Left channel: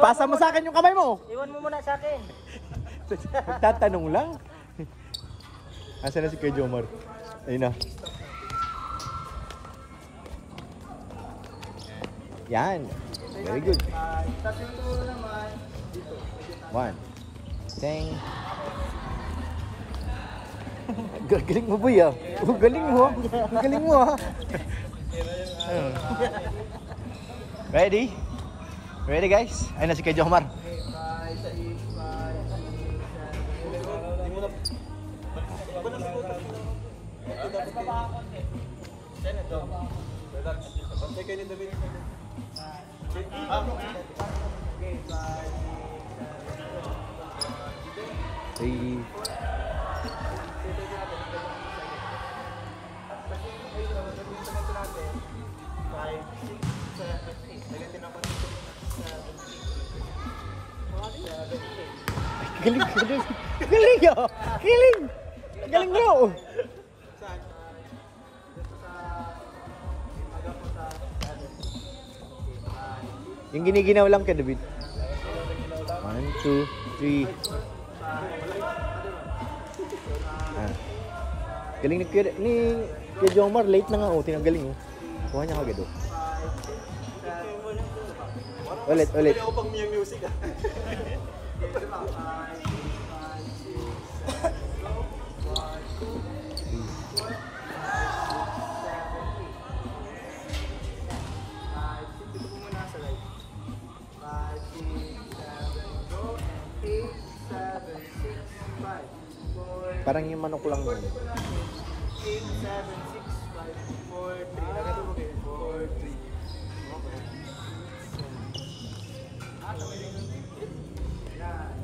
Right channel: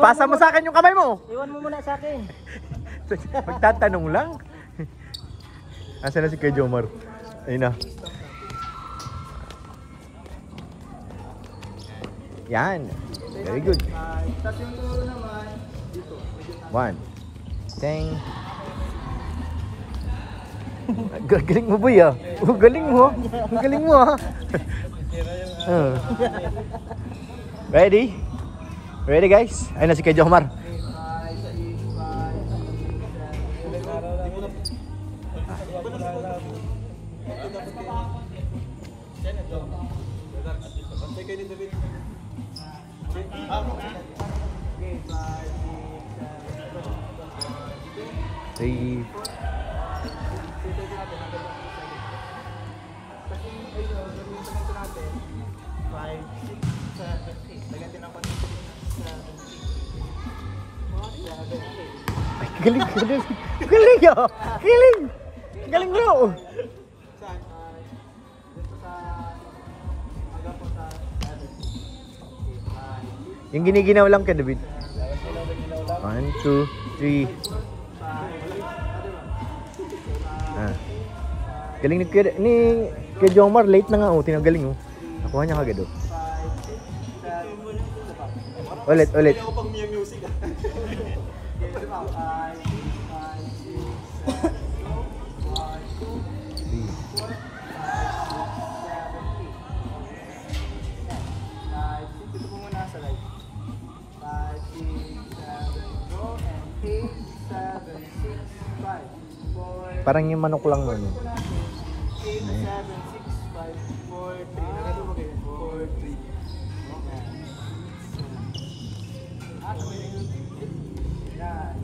Pasa mo sa akin yung kamay mo. Iwan mo muna sa akin. Magtatanong lang. Asa na si Kuya Jomar? Ayun na. Yan. Very good. Tapos yung turo naman dito. One. Teng. Galing mo boy ah. Oh, galing mo. Galing mo ah. Ready? Ready guys? Ayun na si Kuya Jomar. Galing, galing. Galing yo. Galing. Galing bro. Yung giniginaw lang ka, David. 1, 2, 3. Galing ni Kuya Jomar, late na nga oh, tinanggaling oh. Nakuha niya kagad oh. Ulit, ulit. Ako pang music ah. 5, 6, 7, go and 8, 7, 6, 5, 4, Parang yung manok lang nun. 8, 7, 6, 5, 4, 3. Nagano mo kayo? 4, 3.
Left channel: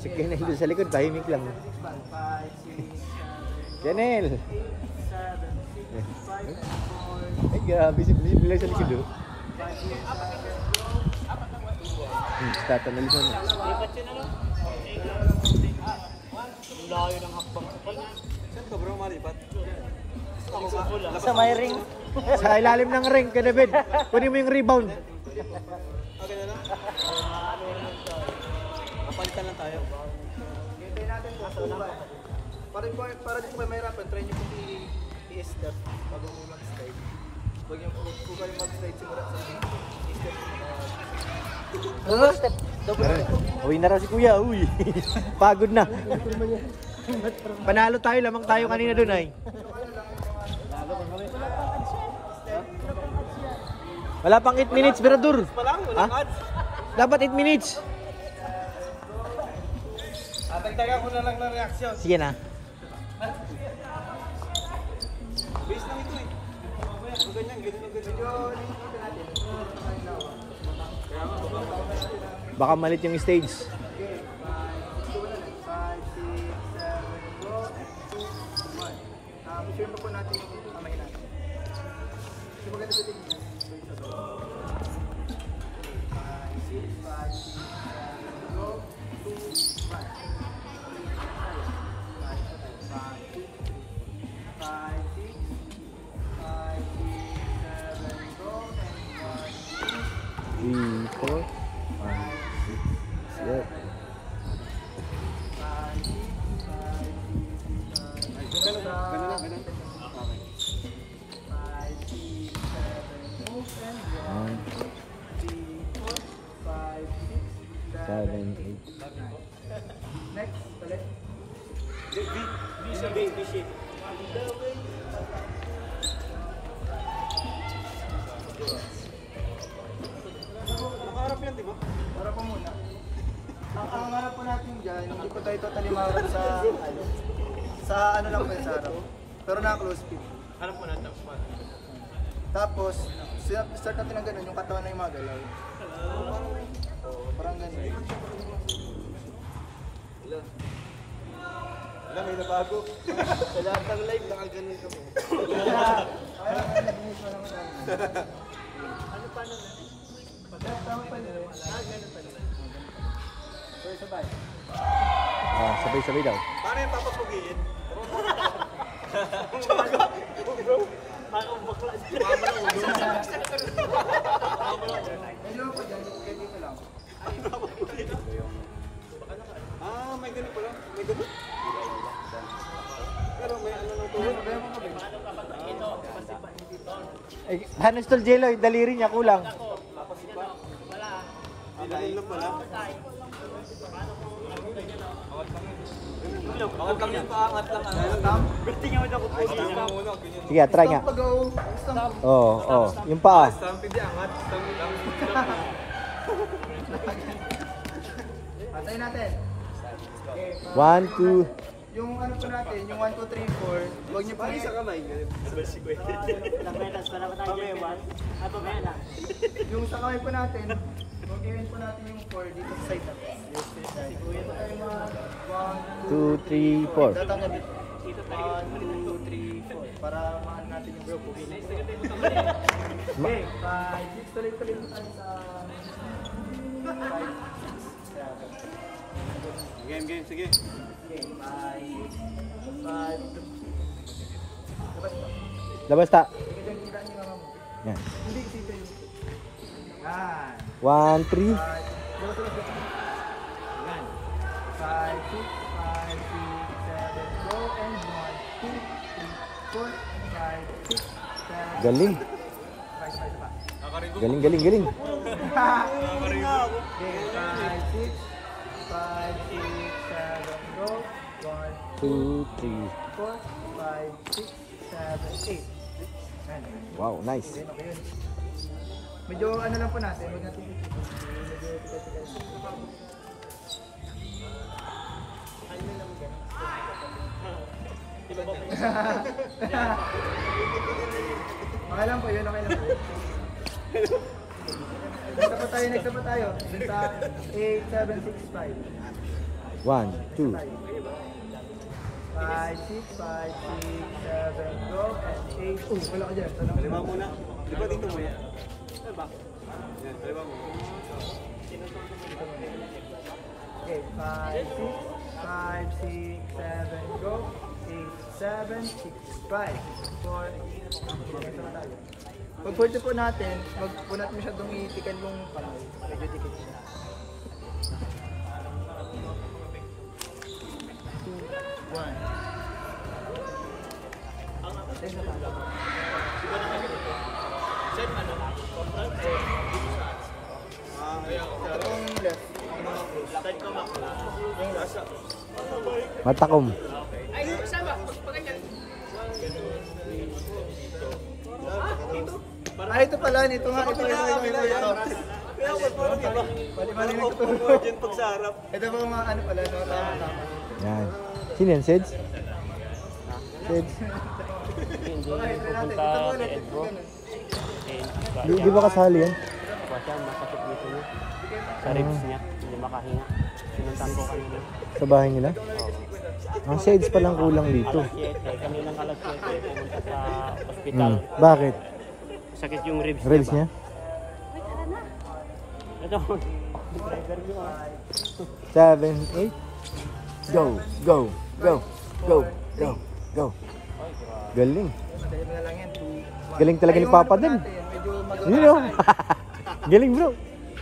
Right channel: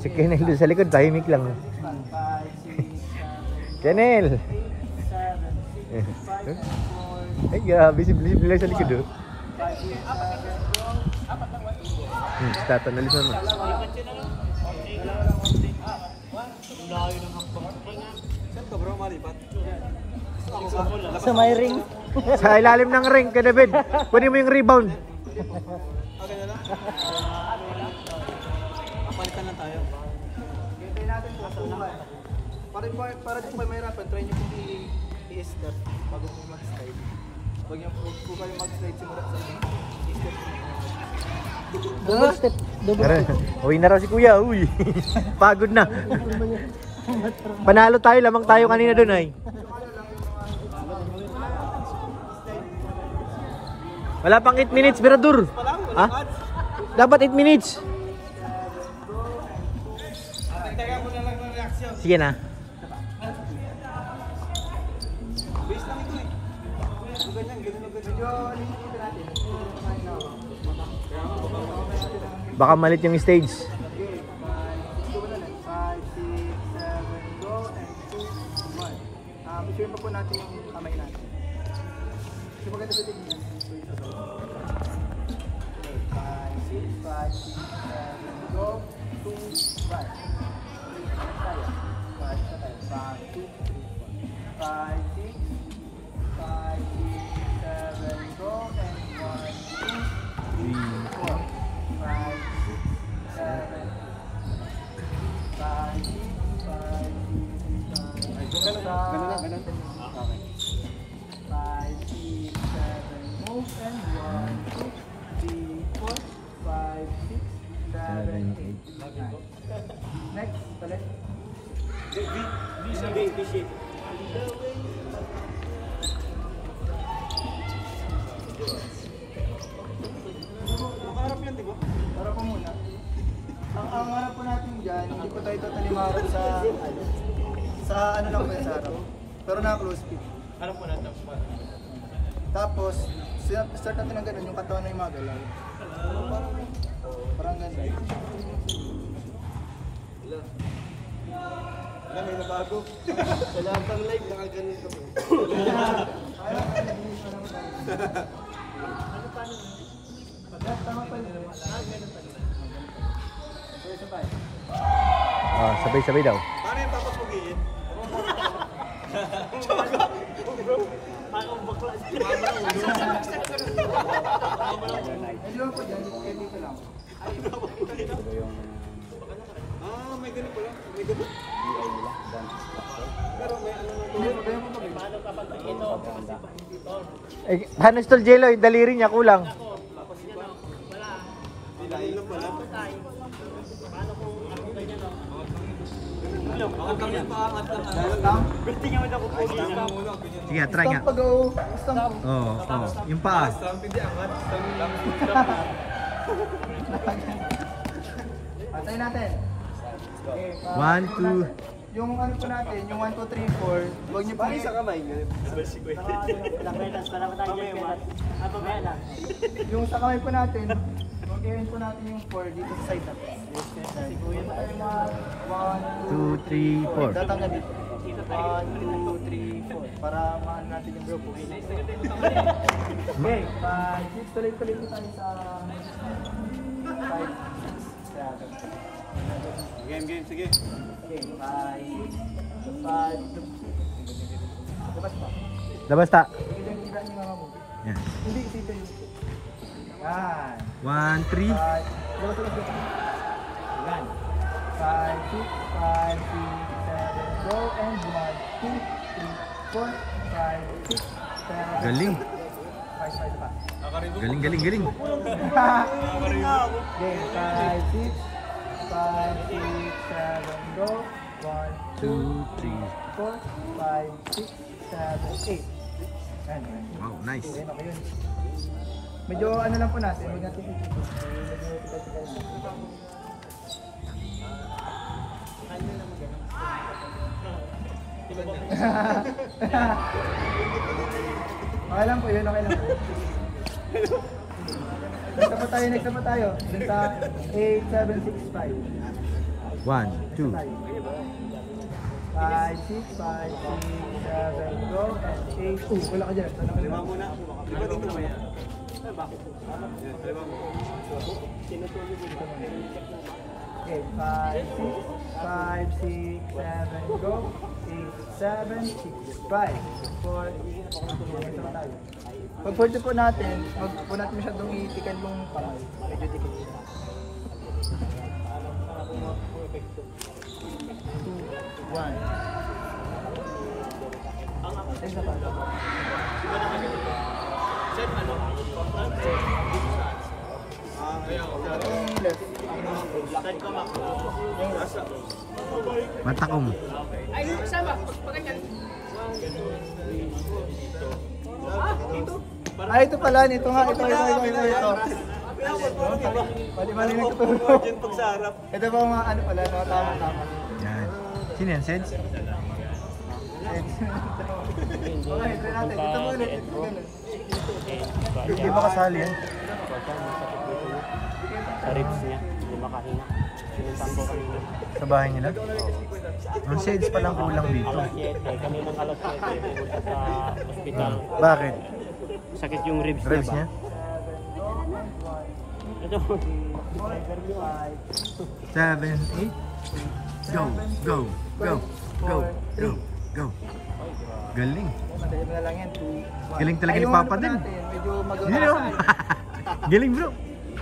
Si Kenel doon sa likod, tahimik lang. 5, 6, 7, Kenel! 8, 7, 6, 5, 4. Ay, grabe si Blizzy sa likod oh. 5, 6, 7, go. Apat lang ba? Tatanalis mo. Lipat yun ano? Layo ng hakbang. Saan ka bro malipat? Ako ka? Sa may ring. Sa ilalim ng ring ka, David. Kunin mo yung rebound. Okay na lang? Kapalitan lang tayo. Hintayin natin po sa ulan. Para di po kayo mahirapan, try nyo pong i-step bago po mag-slide. Huwag nyo po kayo mag-slide simula sa i-step po na double step. Uwi na raw si Kuya, uy. Pagod na. Panalo tayo, lamang tayo kanina doon ay. Wala pang 8 minutes, Beradur. Ha? Dapat 8 minutes. Tagtaga mo na lang ng reaksyon. Sige na. Base lang ito eh. Ganyan, ganyan. Medyo dito natin. Baka malit yung stage. Okay, 5, 6, 7, go, and 2, 1. Isure pa po natin yung kamay natin. So maganda sa tingin yan. So isa sa 5, 6, 7, go, 2, 1. 5, 6, 7, 8. Next, palit. V shape. Nakaharap yan, di ba? Harap po muna. Ang harap po natin dyan, hindi po tayo totally maharap sa ano lang po sa harap. Pero naka-close fit. Harap po natin. Tapos, start natin ng ganun, yung katawan na yung mga galaw. Parang ganun. Wala, may nabago. Sa lahat ng live, nakaganon ka po. Ano paano na? Pagkatama pa nila. Ganun pa nila. So, sabay. Sabay-sabay daw. Paano yung papapugiin? Medyo po dyan, dito lang. Ah, may ganun pala. May ganun. Pero may ano na Eh, paano Tol Jello? Yung daliri niya kulang. Dahil lang pala. Bakit lang yan? Paangat lang. Sige, try nga. Stamp pag-o. Stamp. Oo, oo. Yung paa. Stamp hindi angat. Stamp lang. Patay natin. Okay, 1, 2. yung ano po natin, yung 1, 2, 3, 4, huwag niyo po Sa kamay. yung sa kamay po natin, huwag i po natin yung 4 dito sa side natin. Siguro tayo mga 2, 3, 4. tatanggal dito. 1, 2, 3, 4 para maano natin yung bro. Okay, 5, 6, tuloy-tuloy po tayo sa 5, 6, 7. Game, sige. Okay, 5, 5, labas ba? Labas ta. Ito yung tira ni mama mo. Yan. Hindi, ito yung... Yan. 1, 3. 5, labas ulit dito. Yan. 5, 6, 5, 6, 7, go, and 1, 2, 3, 4, 5, 6, 7, Galing. 5, 5 pa. Galing, galing, galing. Okay, 5, 6, 5, 6, 7, go, 1, 2, 3. 4, 5, 6, 7, 8. Yan. Wow, nice. Okay, okay yun. Medyo ano lang po natin, huwag natin medyo tigal-tigal natin. Ano lang mag-ano? Okay lang po yun, okay lang po. Next na po tayo. Dun sa 8, 7, 6, 5. 1, 2. 5, 6, 5, 6, 7, go, and 8. Wala ka dyan. Kalima muna. Di ba dito mo yan? Ba? Yan, kalima mo. Okay, 5, 6, 7, go. 8, 7, 6, 5, 4. Next na tayo. Pag 40 po natin, wag po natin masyadong itikan yung kamay. Medyo tikit siya. 2, 1. Ayun na pa. Ito yung left. Yung rasa. Matakom. Ah, ito pala. Ito nga. Ito. Pwede ba rin tutulog? Diyan pag sa harap. Ito ba mga ano pala? No? Tama. Yan. Sino yan, Seds? Okay, try natin. Ito mo ulit. Ito ganun. Di ba kasali yan? Sa bahay nila? Ang Seds palang kulang dito. Bakit? Sakit yung ribs, Ribs niya? Ito. 7, 8. Go, go, go, go, go, go. Galing. Madali mo na lang yan. 2, 1. Galing talaga ni Papa din. Medyo Yun o. Galing bro.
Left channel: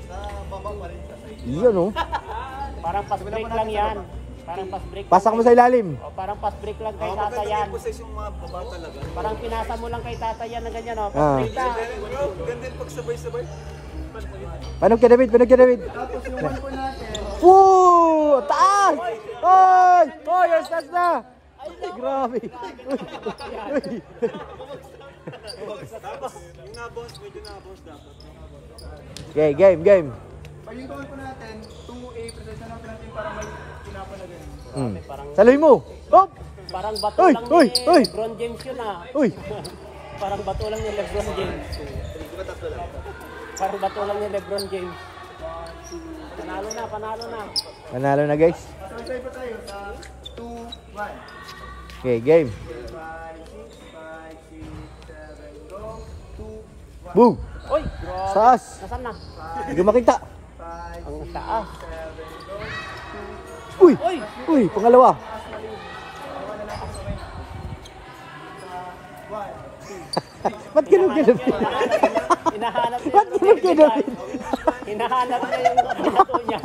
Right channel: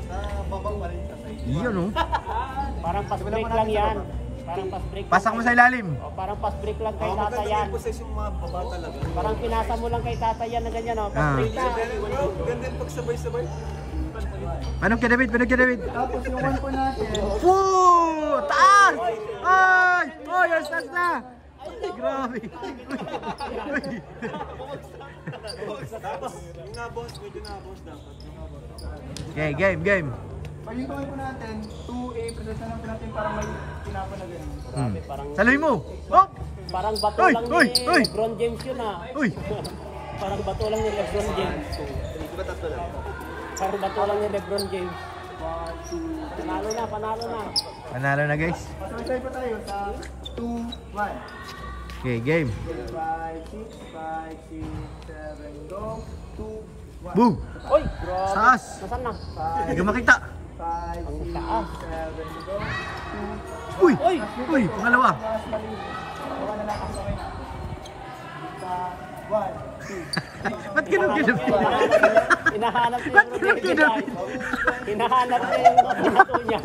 Sa babang pa rin sa side. Yun o. Parang fast break lang yan. Parang fast break. Pasak mo sa ilalim. Parang fast break lang kay Oh, tata maganda yan. yung position yung mga baba talaga. Parang pinasa mo lang kay tata yan na ganyan, oh. Ah. Bro, ganda yung pagsabay-sabay. Panog ka David, panog ka David. Tapos yung 1 po natin. Woo! Taas! Ay! Oy, ang taas na! Grabe! Uy! Tapos, yung naboss, medyo naboss dapat. Okay, game, game. Pag yung po natin, 2A, presensya natin natin para may tinapa na ganun. Saloy mo! Hop! Parang bato Uy, lang uy, ni uy. LeBron James yun, ah. Uy! Parang bato lang ni LeBron James. Di ba tatlo lang? Parang bato lang ni LeBron James. 1, 2, Panalo na, panalo na. Manalo na guys. Masasay po tayo sa 2, 1. Okay, game. 5, 6, 5, 6, 7, go. 2, 1. Boom! Taas! Saan na? Hindi ko makita. 5, 6, 7, go. 2, Uy! Uy! Pangalawa. mas mali. Gawa na natin sa kayo. 1, 2. Ba't kinugilapin? Hinahanap Ba't kinugilapin? Hinahanap na yung gusto niya.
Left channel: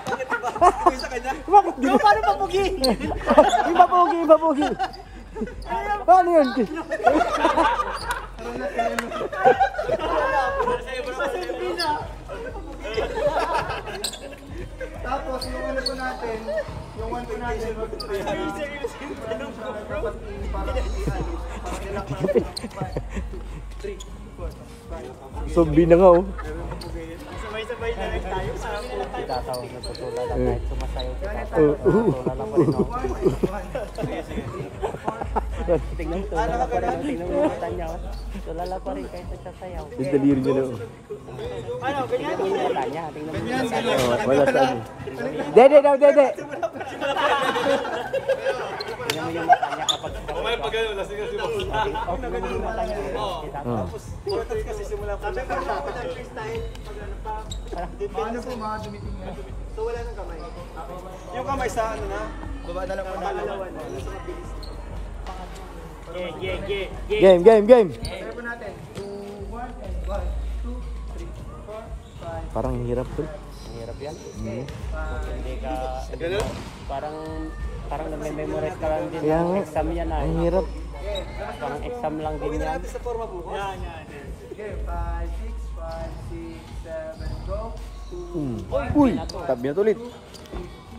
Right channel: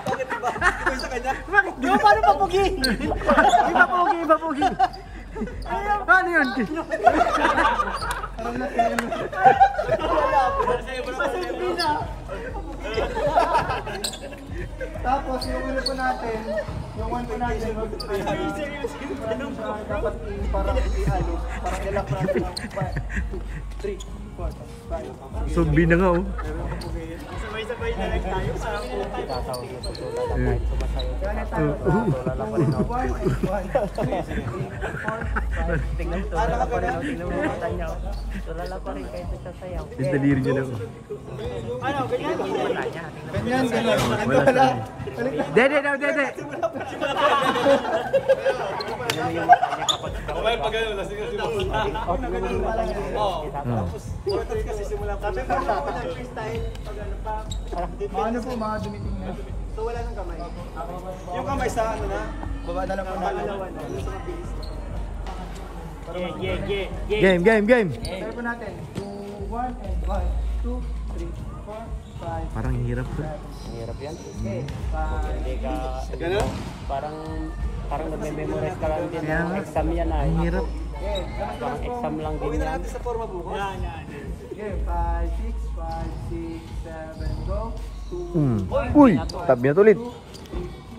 Bakit ba? Ikaw sa kanya? Bakit? Di ba paano papugi? Iba pugi, iba pugi. Paano yun? Tapos yung ano po natin, yung one po natin, dapat parang i-alis, parang ilak natin. 3, 4, 5. Zombie na nga oh. Sabay-sabay na lang tayo. Parang ilan tayo paputi. Eh. Kaya tayo, 2 and 1 and 1. Ano ka ganun? Yung daliri niya na oh. Ano, ganyan? Ganyan, ganyan. Oh, wala sa akin. Dede daw, dede. O may pag gano'n, lasing kasi mo. Ako na gano'n na lang yan. Oo. Tapos, importante kasi simula pa. Sabi ko na freestyle, pag ano pa. Ano po, mga dumiting na. So wala nang kamay. Yung kamay sa ano na, Baba na lang po natin. sa mabilis. Game, game, game. Tayo po natin. 2, 1 and 1, 2, 3, 4, 5. Parang hirap to. Okay, 5. Gano'n? Parang Kaya nga, exam yan ah. ang hirap. Okay, labas-labas po. Exam lang din Uwi na yan. natin sa forma bukas. Yan. Okay, 5, 6, 5, 6, 7, go. 2, 1, Uy, tabi na ulit. 2, 3,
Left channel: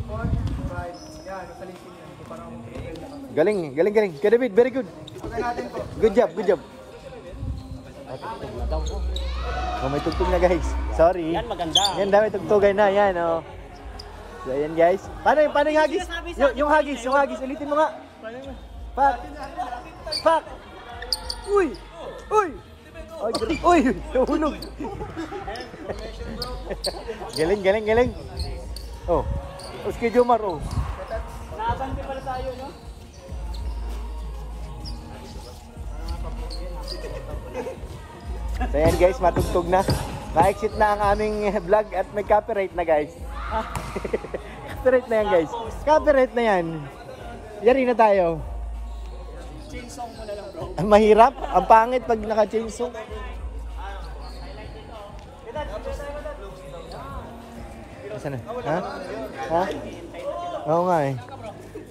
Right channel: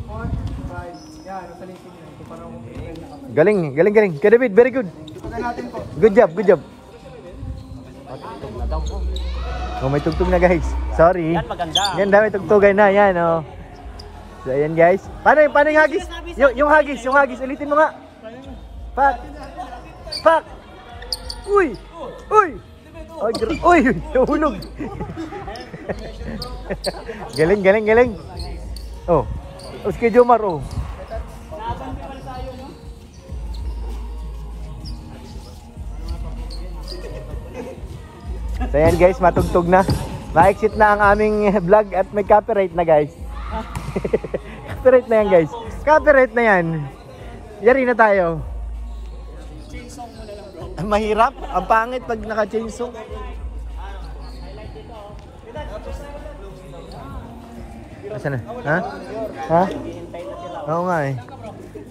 4, 5. Yan, nasa linking yan. So parang mag-prepare na kami. Galing, galing, galing. Kaya David, very good. Ipagka natin po. Good job, good job. Oh, may tugtog na guys. Sorry. Yan maganda. Yan daw, may tugtugan na. Yan, oh. So, ayan guys. Paano yung hagis? Yung hagis. Ulitin mo nga. Pak. Pak. Uy. Uy. Uy, nahulog. Galing, galing, galing. Oh. Tapos kay Jomar, oh. Nakabante pala tayo, no? So ayan guys, matugtog na. Ma-exit na ang aming vlog at may copyright na guys. Copyright na yan guys. Copyright na yan. Yari na tayo. Ang mahirap. Ang pangit pag naka-chainsaw. Nasaan na? Ha? Ha? Oo nga eh.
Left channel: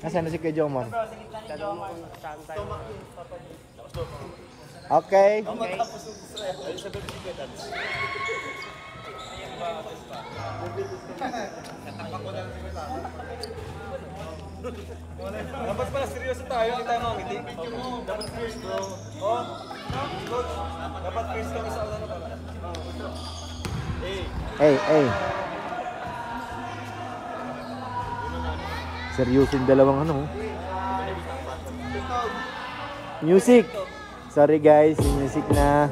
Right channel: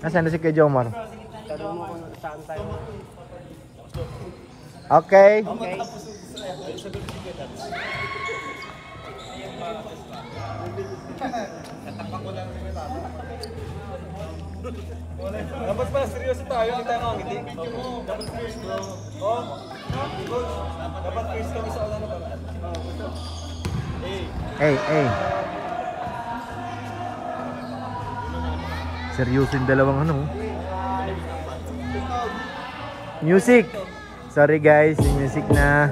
Nasaan na si Kuya Jomar? Okay. Dapat pala seryoso tayo, hindi tayo ngiti. Dapat first bro. Oh, coach. Dapat first kami sa ulan na pala. Hey, hey. Seryoso yung dalawang ano. Music. Sorry guys, yung music na